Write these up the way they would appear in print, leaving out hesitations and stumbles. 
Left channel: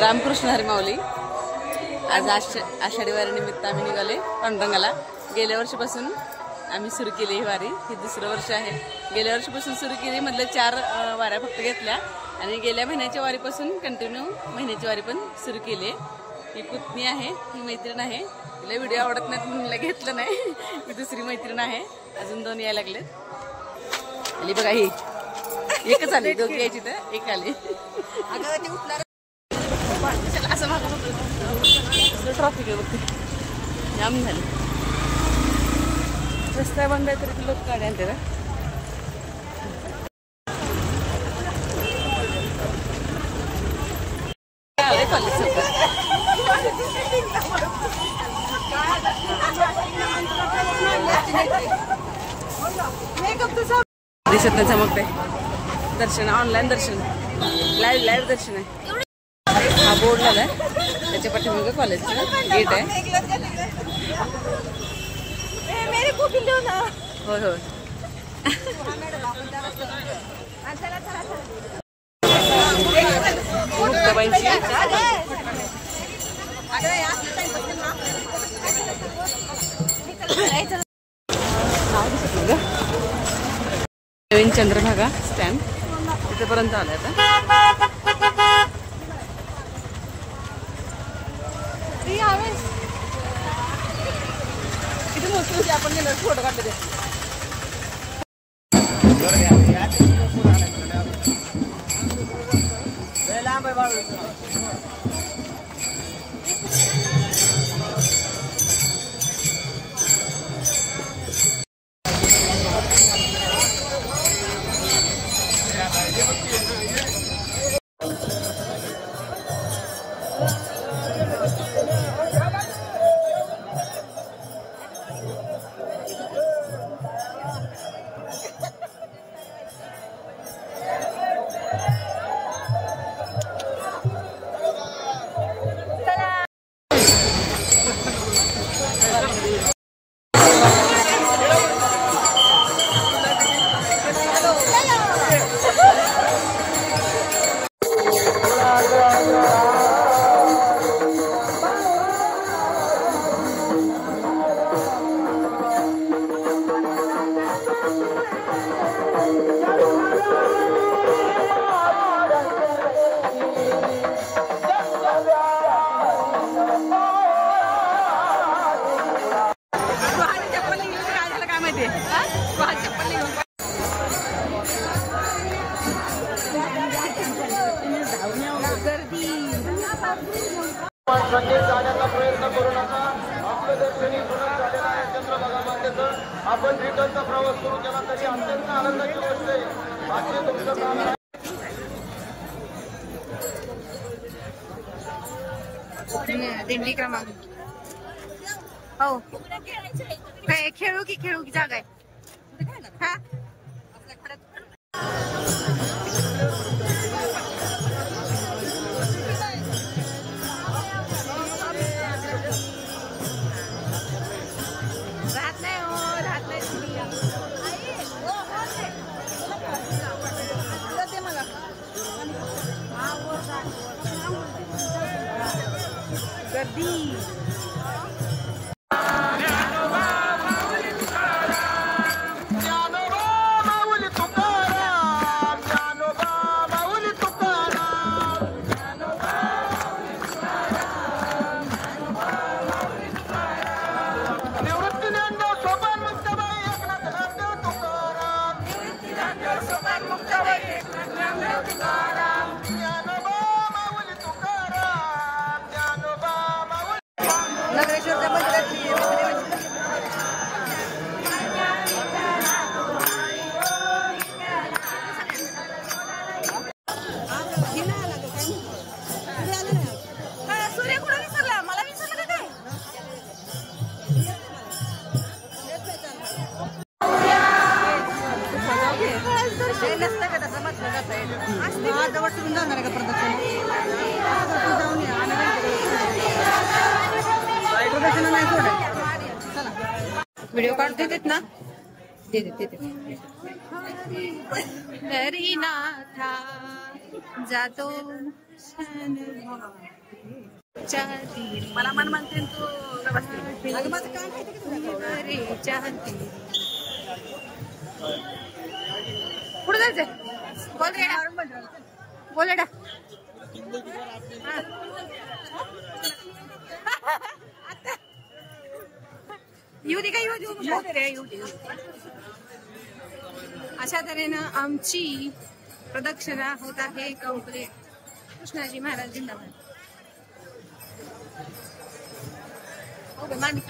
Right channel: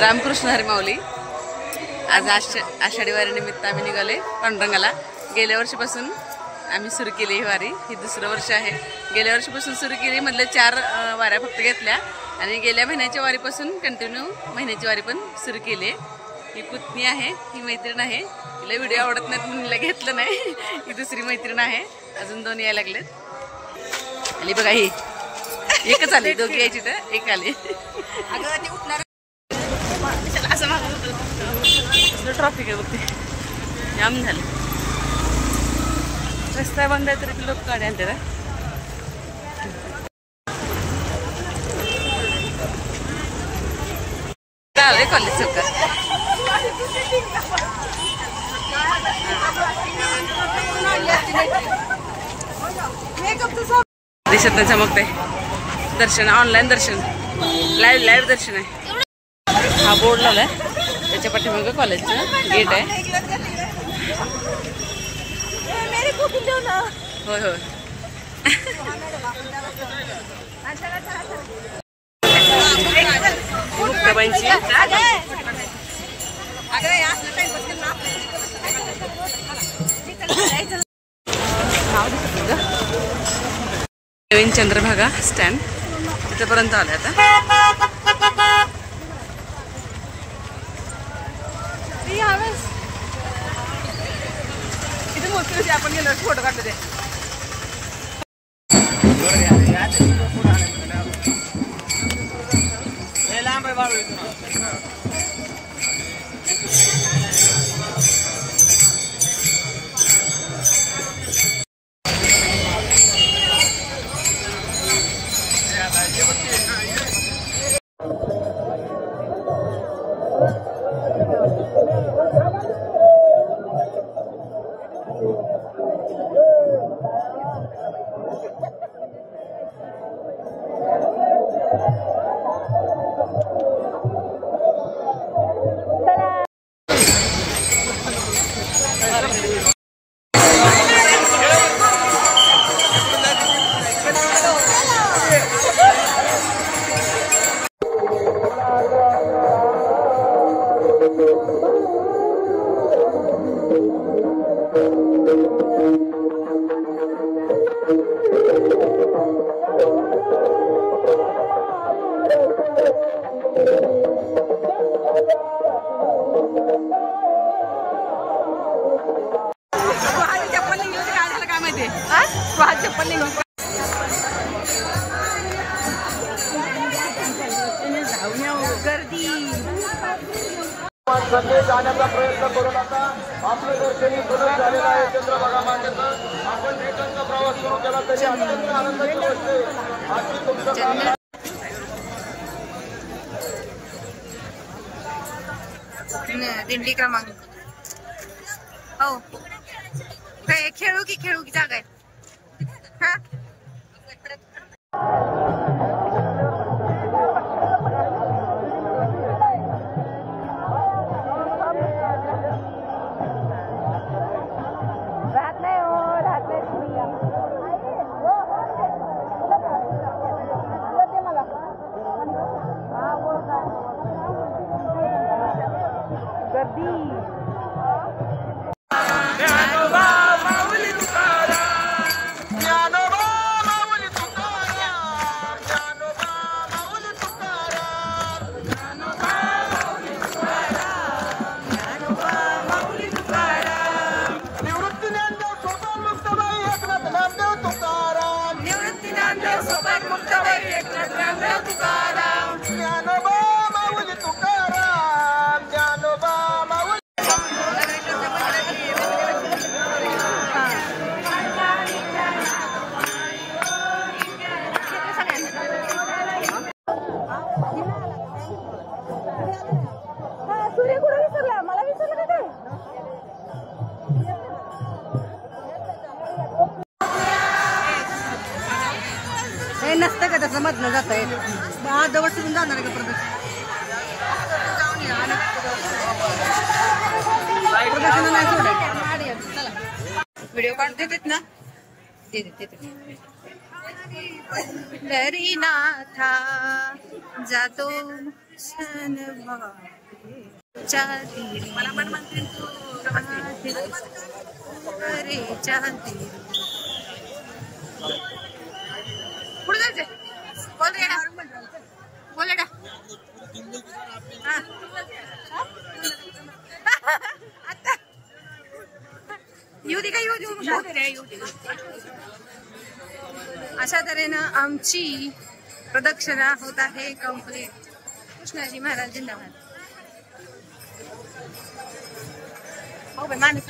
रामकृष्ण हरी माऊली. आज आषाढी वारी निमित्त आम्ही निघाले पांडुरंगाला. गेल्या वर्षीपासून आम्ही सुरू केली ही वारी. ही दुसरं वर्ष आहे. गेल्या वर्षीपासून सुरू केली म्हटलं 4 वाऱ्या फक्त घेतल्या आणि गेल्या महिन्याच्या वारीपासून कंटिन्यू महिन्याची वारी पण सुरू केली आहे. ही पुतणी आहे, ही मैत्रीण आहे. तिला व्हिडिओ आवडत नाहीत म्हणून हिला घेतलं नाही. ही दुसरी मैत्रीण आहे. अजून 2 यायला लागलेत. आणि बघा ही एकच आली, दोघी यायची तर एक आली. असं मागं ट्रॉफिक आहे बघते, जाम झालं. रस्ता बंद आहे तरी लोक गाडी आणते ना. आलंय कॉलेज चौकात. दिसत नाही, चमकते. दर्शन ऑनलाईन दर्शन, लाईव्ह दर्शन आहे. हा बोर्ड लावलाय, त्याच्या पाठीमागे कॉलेजचं गेट आहे. होय होय. मुक्ताबाईंची नाव दिसत नाही का. चंद्रभागा स्टँड तिथपर्यंत आलं आता. किती मोठी आपण गेलो फोटो काढले ते. गर्दी प्रयत्न करू नका. आपले दर्शनी सुरू झालेला आहे चंद्रभागा मातेचा. आपण रिटर्नचा प्रवास सुरू केला तरी अत्यंत आनंदाची असते. दिंडी क्रमांक हो खेळू की जागा आहे. हा सूर्य कुठे विसरला, मला विसरलं का काय. नसतं का त्याचं मधनं जाता येत. अर्धवट सोडून जाणार आहे का प्रदक्षिणा. तू जाऊन या आणि प्रदक्षिणा नाही सोडायचं. व्हिडिओ काढते देत ना. हरी नाथा जातो मला मन म्हणते तू पुढे जायचंय. बोल रेडा, बोल रेडा. आता येऊ दे का, येऊ दे रे, येऊ दे. अशा तऱ्हेनं आमची प्रदक्षिणा होत आहे कंप्लीट. कृष्णाजी महाराज जिंदाबाद. हो बाई माणूस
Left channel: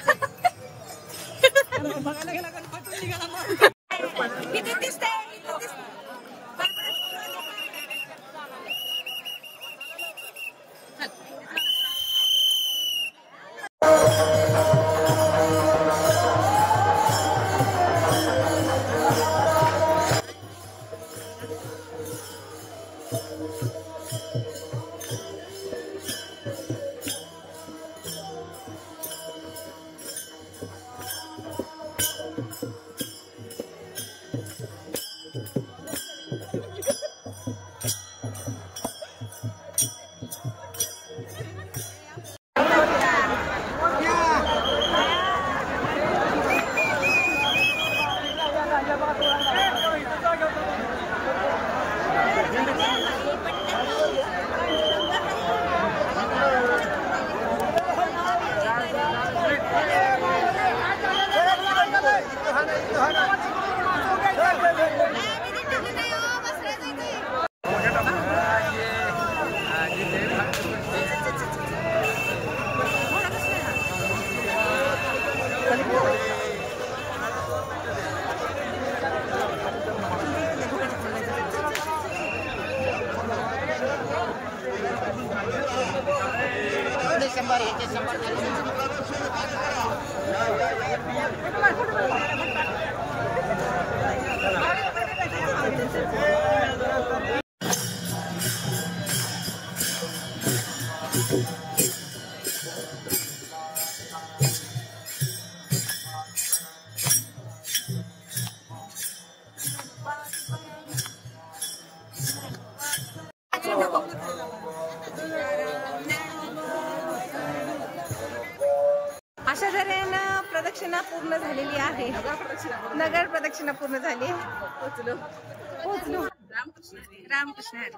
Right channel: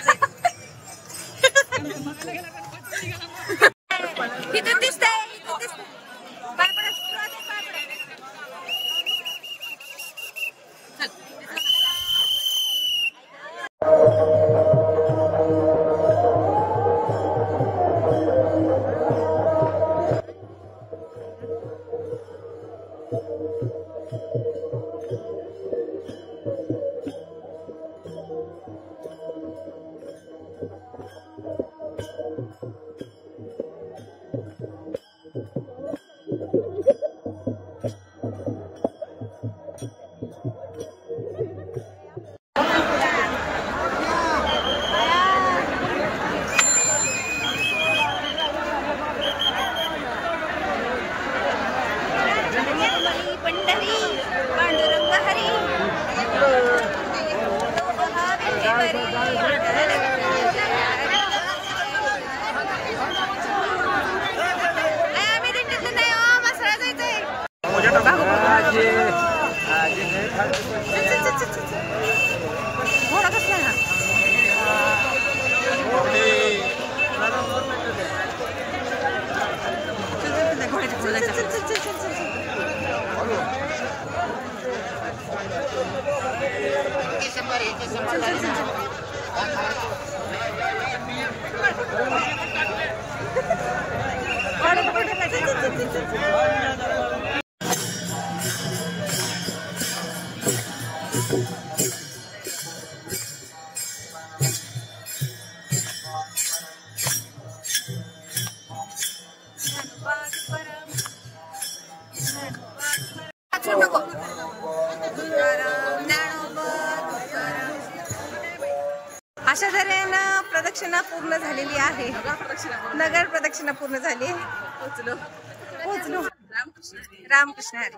इथून दिसतंय, इथून दिसतंय. पाय पडा, पाय पडा. शंभर झाली ना. अशा तऱ्हेनं प्रदक्षिणा पूर्ण झालेली आहे. नगर प्रदक्षिणा पूर्ण झाली. पोचलो पोचलो. रामकृष्ण हरी.